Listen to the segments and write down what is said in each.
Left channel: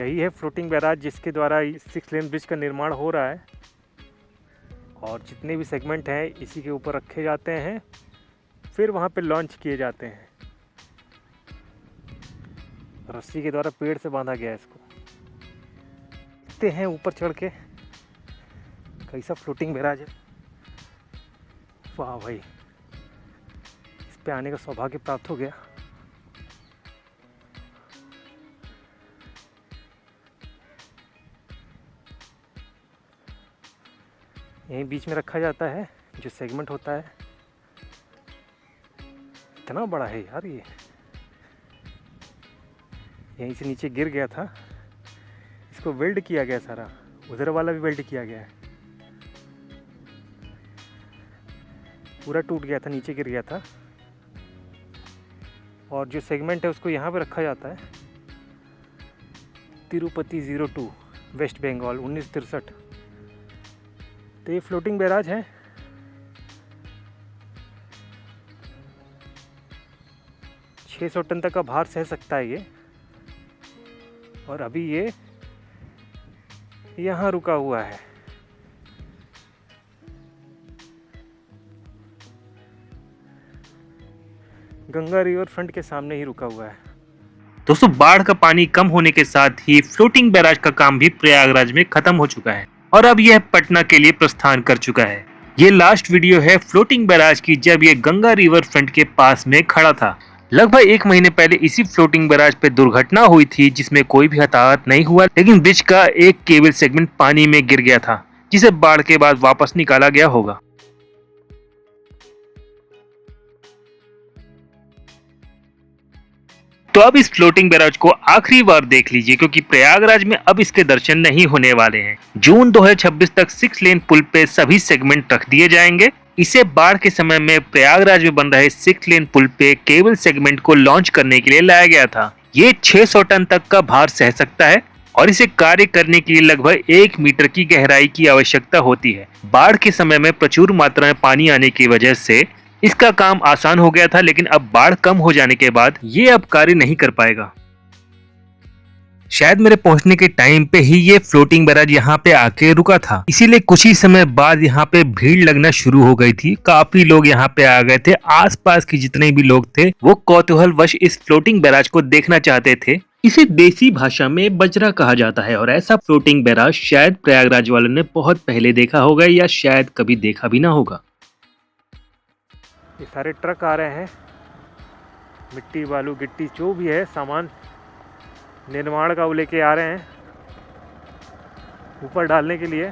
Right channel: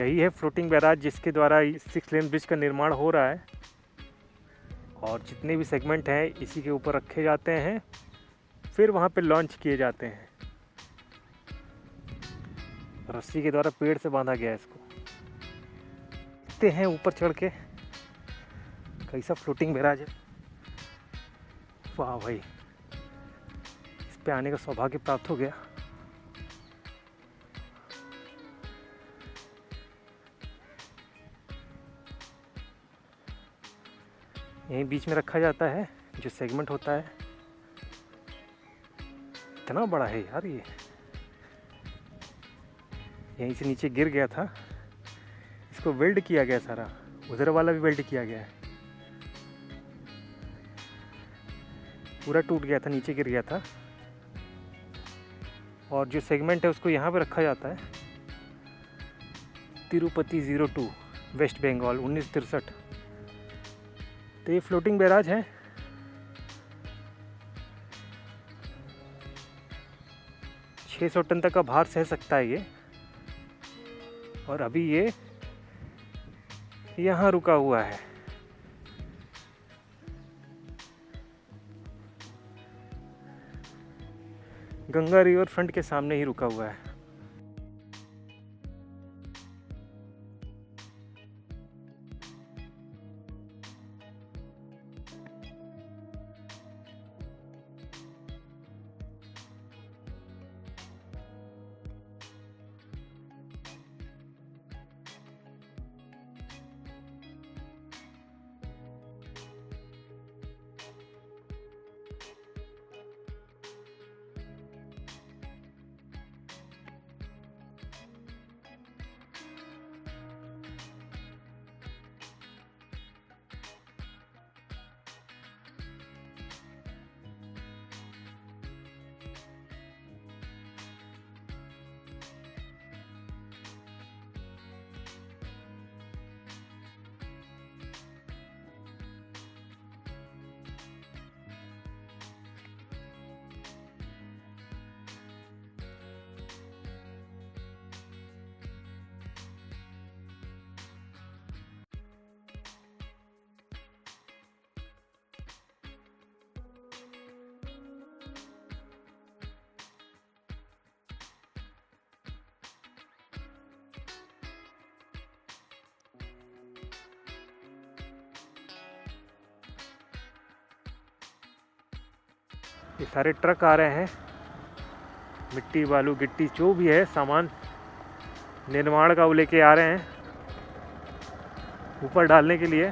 यही है floating barrage जिसके द्वारा 6 लेन ब्रिज का निर्माण हो रहा है और जितने भी सेगमेंट हैं इसी के ऊपर रखे जाते हैं, फिर वहाँ पे लॉन्च किए जाते हैं। रस्सी के द्वारा पेड़ से बांधा गया है इसको। देखते हैं ऊपर चढ़ के कैसा फ्लोटिंग बैराज है। वाह भाई, इस पे आने का सौभाग्य प्राप्त हो गया। यहीं बीच में रखा जाता है जो सेगमेंट होता है। इतना बड़ा है यार ये, यहीं से नीचे गिर गया था, इसको वेल्ड किया गया सारा, उधर वाला भी वेल्ड किया गया है, पूरा टूट गया था, नीचे गिर गया था। और जो सेगमेंट है उसको यहाँ पे रखा जाता है। तिरुपति 02 वेस्ट बंगाल 1963। तो ये फ्लोटिंग बैराज है। छः 600 टन तक का भार सह सकता है ये। और अभी ये यहाँ रुका हुआ है। गंगा रिवर फ्रंट के सामने ही रुका हुआ है। दोस्तों, बाढ़ का पानी कम होने के साथ ही फ्लोटिंग बैराज का काम भी प्रयागराज में खत्म हो चुका है और अब यह पटना के लिए प्रस्थान कर चुका है। ये लास्ट वीडियो है फ्लोटिंग बैराज की जब ये गंगा रिवर फ्रंट के पास में खड़ा था। लगभग 1 महीने पहले इसी फ्लोटिंग बैराज पे दुर्घटना हुई थी जिसमें कोई भी हताहत नहीं हुआ, लेकिन ब्रिज का एक केबल सेगमेंट पानी में गिर गया था जिसे बाढ़ के बाद वापस निकाला गया होगा। तो अब इस फ्लोटिंग बैराज को आखिरी बार देख लीजिए क्योंकि प्रयागराज में अब इसके दर्शन नहीं होने वाले हैं। जून 2026 तक 6 लेन पुल पे सभी सेगमेंट रख दिए जाएंगे। इसे बाढ़ के समय में प्रयागराज में बन रहे 6 लेन पुल पे केबल सेगमेंट को लॉन्च करने के लिए लाया गया था। ये 600 टन तक का भार सह सकता है और इसे कार्य करने के लिए लगभग 1 मीटर की गहराई की आवश्यकता होती है। बाढ़ के समय में प्रचुर मात्रा में पानी आने की वजह से इसका काम आसान हो गया था, लेकिन अब बाढ़ कम हो जाने के बाद ये अब कार्य नहीं कर पाएगा। शायद मेरे पहुंचने के टाइम पे ही ये फ्लोटिंग बैराज यहाँ पे आके रुका था, इसीलिए कुछ ही समय बाद यहाँ पे भीड़ लगना शुरू हो गई थी। काफी लोग यहाँ पे आ गए थे। आसपास के जितने भी लोग थे वो कौतूहलवश इस फ्लोटिंग बैराज को देखना चाहते थे। इसे देसी भाषा में बजरा कहा जाता है और ऐसा फ्लोटिंग बैराज शायद प्रयागराज वालों ने बहुत पहले देखा होगा या शायद कभी देखा भी ना होगा। ये सारे ट्रक आ रहे हैं, मिट्टी बालू गिट्टी जो भी है सामान निर्माण का वो लेके आ रहे हैं ऊपर डालने के लिए।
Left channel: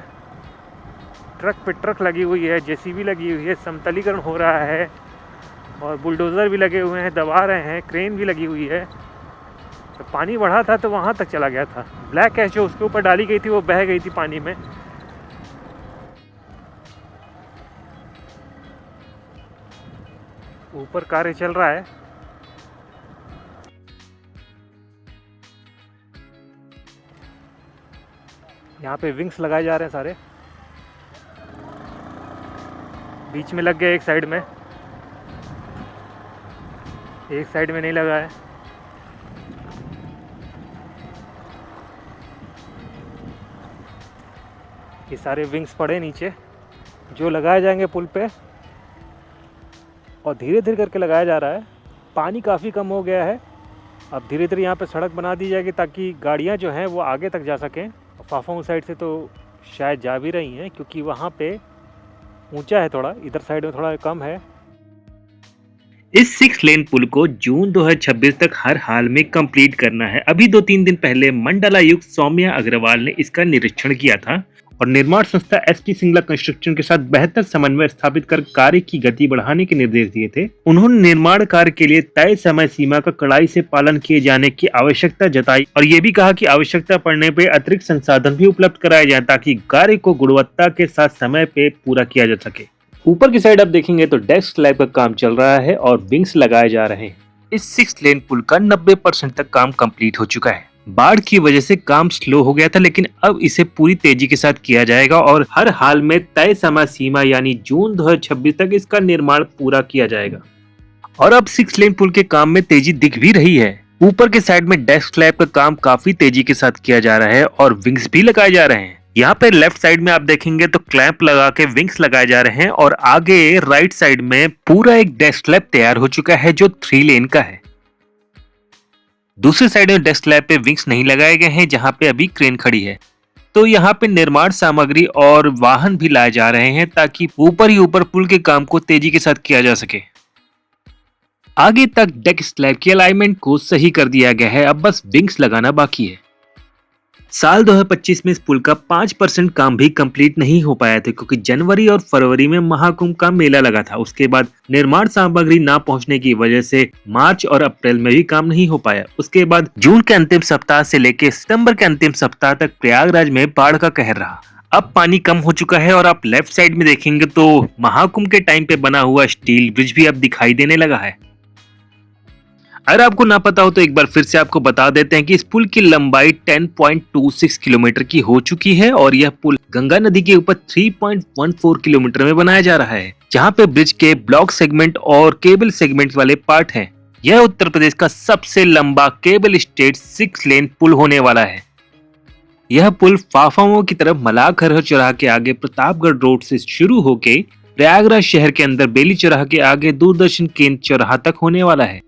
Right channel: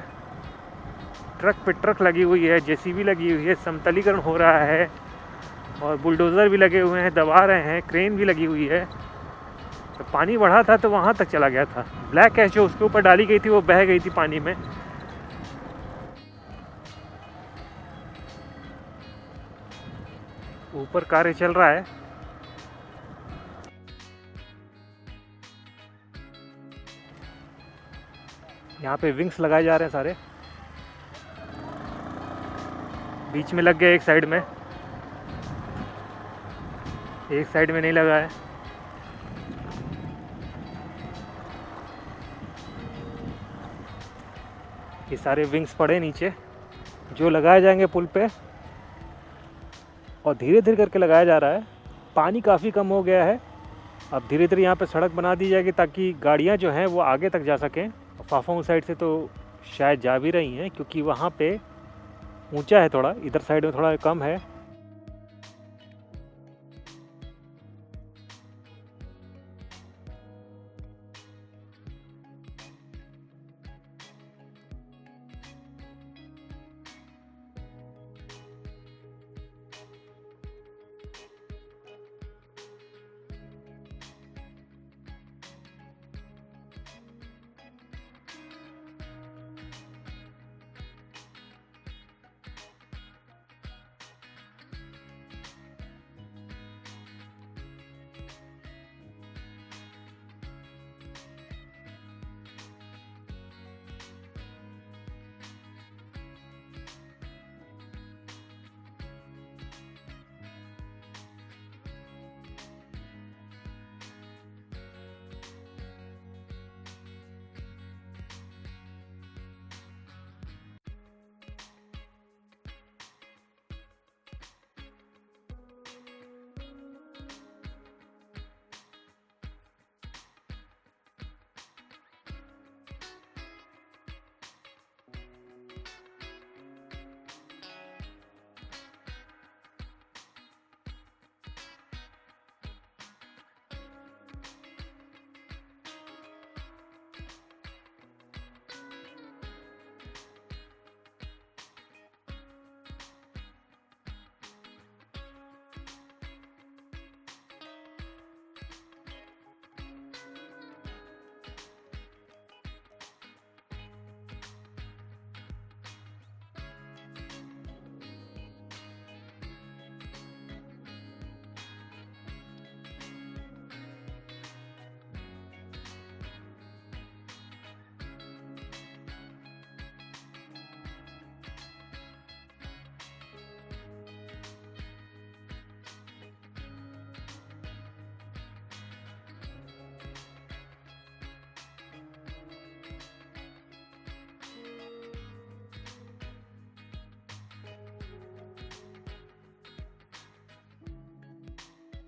ट्रक पे ट्रक लगी हुई है, जेसीबी लगी हुई है, समतलीकरण हो रहा है और बुलडोज़र भी लगे हुए हैं, दबा रहे हैं, क्रेन भी लगी हुई है। तो पानी बढ़ा था तो वहाँ तक चला गया था। ब्लैक ऐश जो उसके ऊपर डाली गई थी वो बह गई थी पानी में। ऊपर कार्य चल रहा है। यहाँ पे विंग्स लगाए जा रहे हैं सारे, बीच में लग गए, एक साइड में, एक साइड में नहीं लगा है। ये सारे विंग्स पड़े नीचे जो लगाए जाएंगे पुल पे और धीरे धीरे करके लगाया जा रहा है। पानी काफ़ी कम हो गया है। अब धीरे धीरे यहाँ पे सड़क बना दी जाएगी ताकि गाड़ियाँ जो हैं वो आगे तक जा सकें। फाफांग साइड से तो शायद जा भी रही हैं क्योंकि वहाँ पे ऊंचा है थोड़ा, इधर साइड में थोड़ा कम है। इस 6 लेन पुल को जून 2026 तक हर हाल में कंप्लीट करना है। अभी 2-3 दिन पहले मंडलायुक्त सौम्या अग्रवाल ने इसका निरीक्षण किया था और निर्माण संस्था एसटी सिंगला कंस्ट्रक्शन के साथ बेहतर समन्वय स्थापित कर कार्य की गति बढ़ाने के निर्देश दिए थे। उन्होंने निर्माण कार्य के लिए तय समय सीमा का कड़ाई से पालन किए जाने की आवश्यकता जताई और ये भी कहा कि आवश्यकता पड़ने पर अतिरिक्त संसाधन भी उपलब्ध कराए जाए ताकि कार्य को गुणवत्ता के साथ समय पे पूरा किया जा सके। ऊपर की साइड आप देखेंगे तो डेस्क स्लैब का काम चल रहा है और विंग्स लगाए जा रहे हैं। इस 6 लेन पुल का 90% तक काम कंप्लीट हो चुका है। बाढ़ की वजह से काम स्लो हो गया था, लेकिन अब इसे पूरी तेजी के साथ किया जाएगा और हर हाल में तय समय सीमा यानी जून 2026 तक इसका निर्माण पूरा किया जाएगा। और अब 6 लेन पुल के काम में तेजी दिख भी रही है। ऊपर के साइड में डेस्क स्लैब का काम काफी तेजी के साथ किया जा रहा है और विंग्स भी लगाए जा रहे हैं। यहाँ पे लेफ्ट साइड में आप देखेंगे तो क्लैंप लगा के विंग्स लगाए जा रहे हैं और आगे राइट साइड में पूरा एक डेस्क स्लैब तैयार हो चुका है जो 3 लेन का है। दूसरी साइड में डेस्क स्लैब पे विंग्स नहीं लगाए गए हैं जहाँ पे अभी क्रेन खड़ी है। तो यहाँ पे निर्माण सामग्री और वाहन भी लाए जा रहे हैं ताकि ऊपर ही ऊपर पुल के काम को तेजी के साथ किया जा सके। आगे तक डेक स्लैब की अलाइनमेंट को सही कर दिया गया है, अब बस विंग्स लगाना बाकी है। साल 2025 में इस पुल का 5% काम भी कंप्लीट नहीं हो पाया था क्योंकि जनवरी और फरवरी में महाकुंभ का मेला लगा था। उसके बाद निर्माण सामग्री ना पहुंचने की वजह से मार्च और अप्रैल में भी काम नहीं हो पाया। उसके बाद जून के अंतिम सप्ताह से लेकर सितंबर के अंतिम सप्ताह तक प्रयागराज में बाढ़ का कहर रहा। अब पानी कम हो चुका है और आप लेफ्ट साइड में देखेंगे तो महाकुंभ के टाइम पे बना हुआ स्टील ब्रिज भी अब दिखाई देने लगा है। अगर आपको ना पता हो तो एक बार फिर से आपको बता देते हैं कि इस पुल की लंबाई 10.26 किलोमीटर की हो चुकी है और यह पुल गंगा नदी के ऊपर 3.14 किलोमीटर में बनाया जा रहा है, जहां पे ब्रिज के ब्लॉक सेगमेंट और केबल सेगमेंट वाले पार्ट हैं। यह उत्तर प्रदेश का सबसे लंबा केबल स्टेट 6 लेन पुल होने वाला है। यह पुल फाफाओं की तरफ मलाखर चौराहा के आगे प्रतापगढ़ रोड से शुरू होकर प्रयागराज शहर के अंदर बेली चौराहा के आगे दूरदर्शन केंद्र चौराहा तक होने वाला है।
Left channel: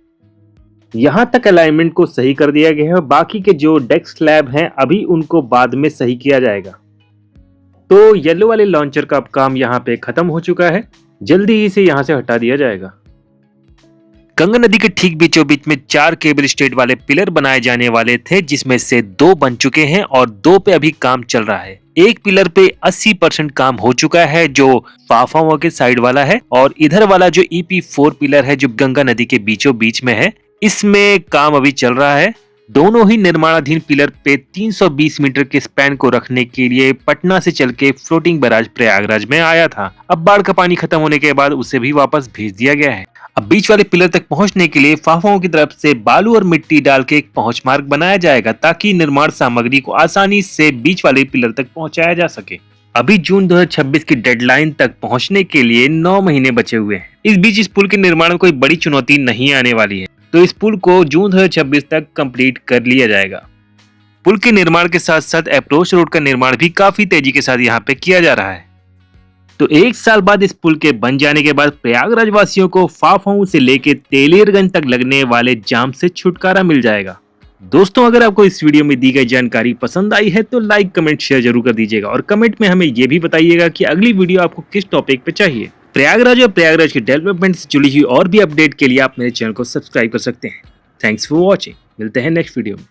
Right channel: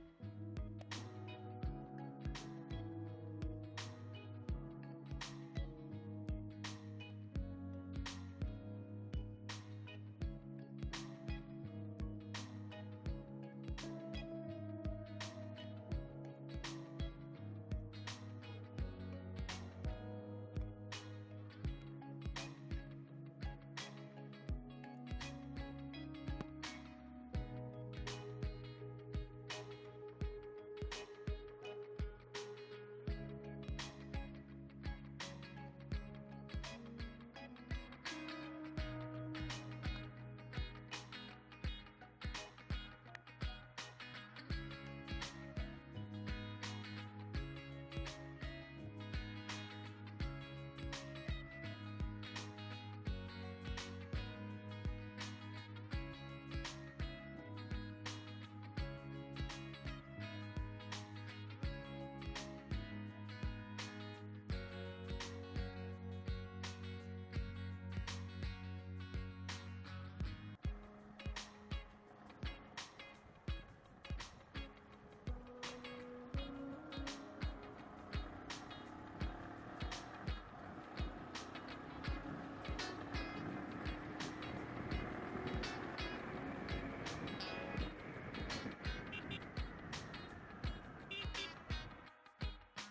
यहाँ तक अलाइनमेंट को सही कर दिया गया है और बाकी के जो डेक स्लैब हैं अभी उनको बाद में सही किया जाएगा। तो येलो वाले लॉन्चर का अब काम यहाँ पे खत्म हो चुका है, जल्दी ही से यहाँ से हटा दिया जाएगा। गंगा नदी के ठीक बीचों बीच में 4 केबल स्टेट वाले पिलर बनाए जाने वाले थे, जिसमें से 2 बन चुके हैं और 2 पे अभी काम चल रहा है। एक पिलर पे 80% काम हो चुका है जो फाफाओं के साइड वाला है और इधर वाला जो EP4 पिलर है जो गंगा नदी के बीचों बीच में है, इसमें काम अभी चल रहा है। दोनों ही निर्माणाधीन पिलर पे 320 मीटर के स्पैन को रखने के लिए पटना से चल के फ्लोटिंग बैराज प्रयागराज में आया था। अब बाढ़ का पानी खत्म होने के बाद उसे भी वापस भेज दिया गया है। अब बीच वाले पिलर तक पहुंचने के लिए फाफाओं की तरफ से बालू और मिट्टी डाल के एक पहुंच मार्ग बनाया जाएगा ताकि निर्माण सामग्री को आसानी से बीच वाले पिलर तक पहुंचाया जा सके। अभी जून 2026 की डेडलाइन तक पहुंचने के लिए 9 महीने बचे हुए हैं। इस बीच इस पुल के निर्माण में कोई बड़ी चुनौती नहीं आने वाली है, तो इस पुल को जून 2026 तक कंप्लीट कर लिया जाएगा। पुल के निर्माण के साथ साथ अप्रोच रोड का निर्माण भी काफी तेजी के साथ यहाँ पे किया जा रहा है। तो 1 साल बाद इस पुल के बन जाने के बाद प्रयागराज वासियों को फाफाऊ से लेके तेलियरगंज तक लगने वाले जाम से छुटकारा मिल जाएगा। दोस्तों, अगर आपको इस वीडियो में दी गई जानकारी पसंद आई है तो लाइक, कमेंट, शेयर जरूर कर दीजिएगा और कमेंट में हमें यह भी बताइएगा कि अगली वीडियो आपको किस टॉपिक पे चाहिए। प्रयागराज और प्रयागराज के डेवलपमेंट से जुड़ी हुई और भी अपडेट के लिए आप मेरे चैनल को सब्सक्राइब कर सकते हैं। Thanks for watching. मिलते हैं नेक्स्ट वीडियो में।